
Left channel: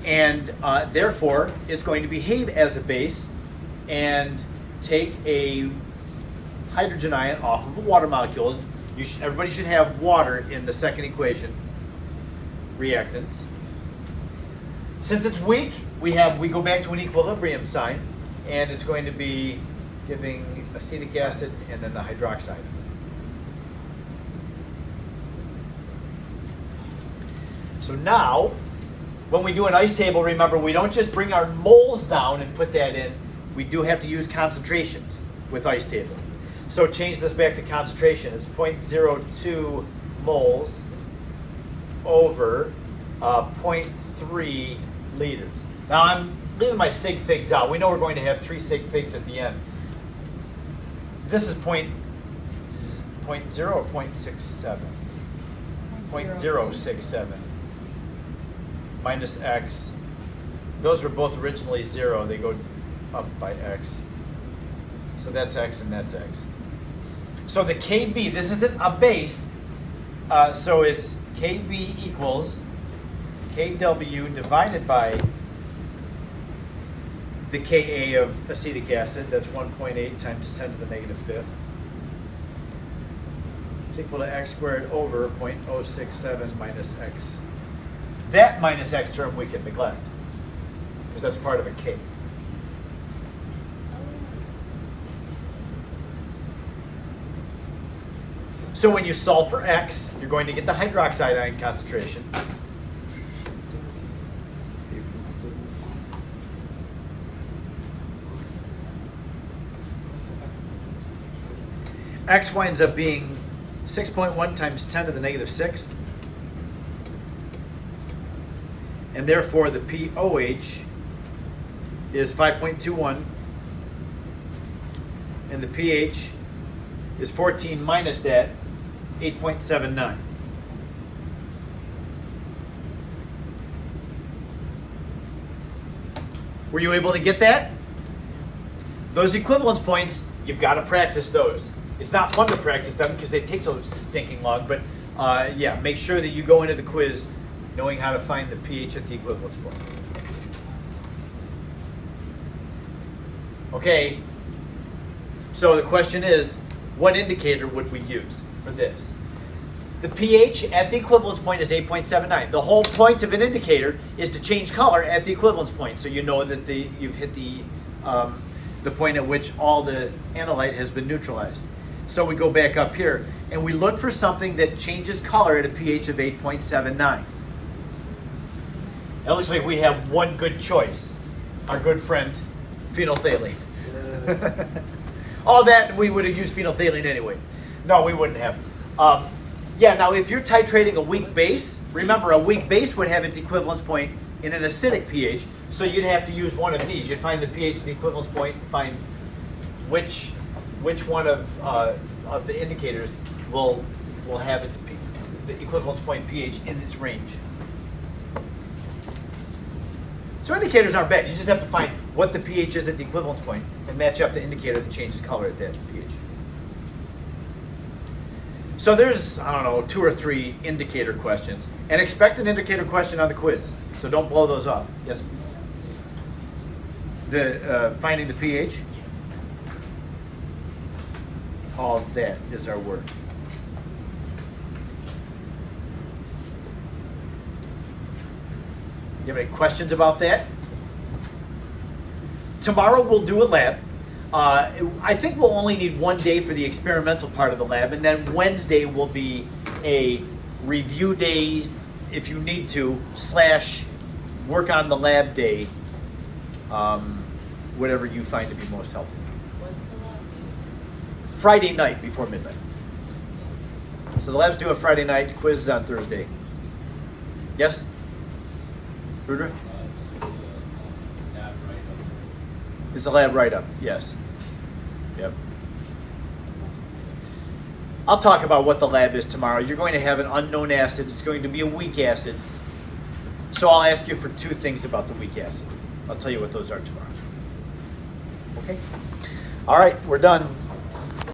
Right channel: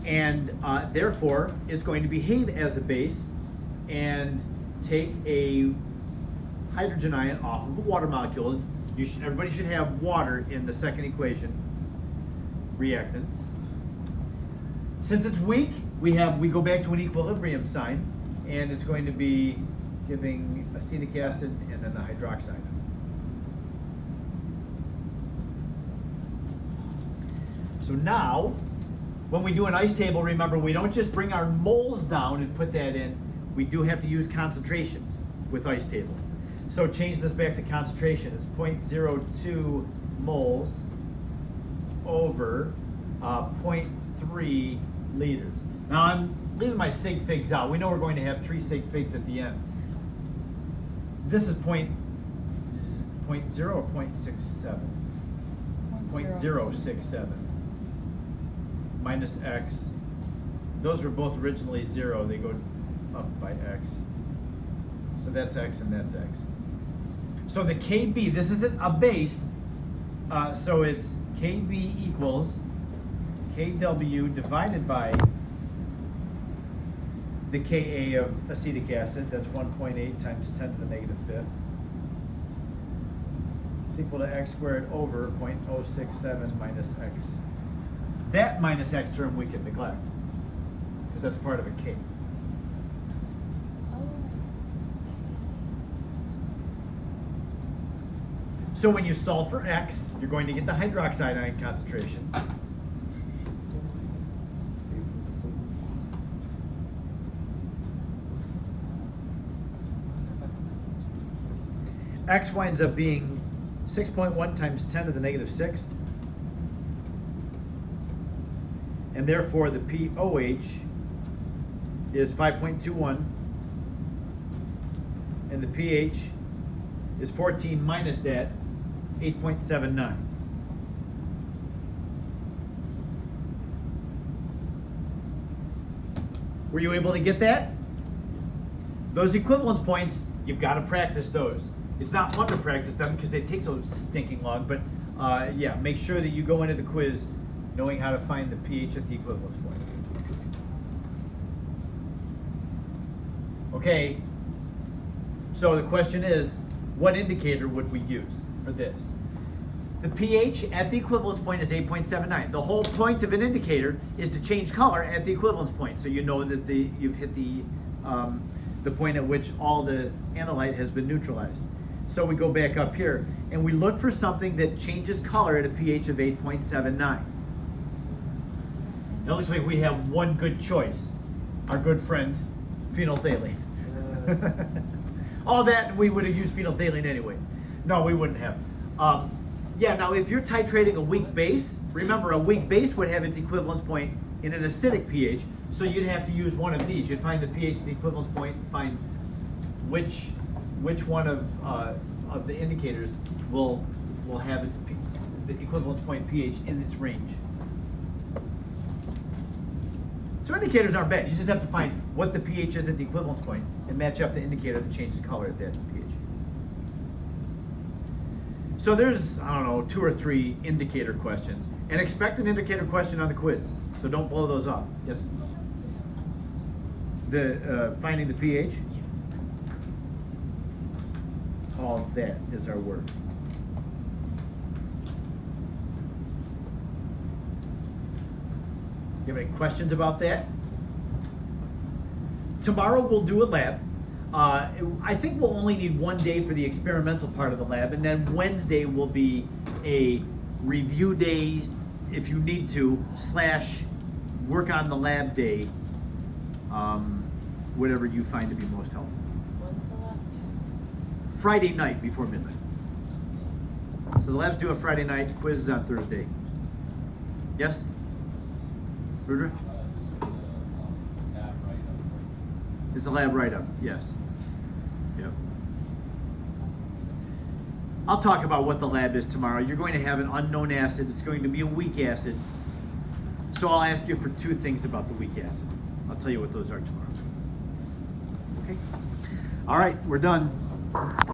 and therefore is going to behave as a base and take a hydrogen ion off of a water molecule. Everybody should have water in the second equation, reactants. Since it's weak, we go back to an equilibrium sign, and it's going to be giving acetic acid and then the hydroxide. So now, when we do an ice table, remember, we don't just bring our moles down and put that in. We do have to use concentrations with ice tables. So change this back to concentration. It's 0.02 moles over 0.3 liters. Now I'm leaving my sig figs out. We know we're going to have 3 sig figs at the end. This is 0.0 or 0.67? 0.067 minus x. Those were both originally 0. They go up by x. So that's x and that's x. So the Kb, this isn't a base, so it's Kb equals Kw divided by the Ka of acetic acid. That's 1.8 times 10 to the negative fifth. It's equal to x squared over 0.067 minus x. That minus x term we can neglect, because that's part of a K. So when you solve for x, you're going to get the hydroxide ion concentration. X winds up being 6.1 times 10 to the negative sixth. And therefore the pOH is 5.21. And the pH is 14 minus that, 8.79. Were you able to get that? Those equivalence points, you've got to practice those. It's not fun to practice them because they take so stinking long, but yeah, make sure that you go into the quiz knowing how to find the pH at the equivalence point. Okay, so the question is, what indicator would we use for this? The pH at the equivalence point is 8.79. The whole point of an indicator is to change color at the equivalence point, so you know that you've hit the point at which all the analyte has been neutralized. So we go back up here, and we look for something that changes color at a pH of 8.79. It looks like we have one good choice, our good friend, phenolphthalein. All that, we would have used phenolphthalein anyway. No, we wouldn't have. Yeah, now if you're titrating a weak base, remember a weak base would have its equivalence point in an acidic pH, so you'd have to use one of these. You'd find the pH of the equivalence point and find which one of the indicators will have the equivalence point pH in its range. So indicators aren't bad. You just have to find what the pH is at the equivalence point and match up the indicator that changes color at that pH. So there's, I don't know, 2 or 3 indicator questions. And expect an indicator question on the quiz. So don't blow those off. Yes? Finding the pH? All that is our work. You have any questions about that? Tomorrow we'll do a lab. I think we'll only need 1 day for the experimental part of the lab, and then Wednesday will be a review day, if you need to, / work on the lab day, whatever you find to be most helpful. What's the lab? Friday night before midnight. So the lab's due on Friday night, quiz is on Thursday. Yes? Rudra? It's a lab write-up, yes. Yep. I'll talk about what the lab is tomorrow. You're going to have an unknown acid. It's going to be a weak acid. So I'll ask you for two things about the weak acid. I'll tell you what those are tomorrow. Okay? All right, we're done.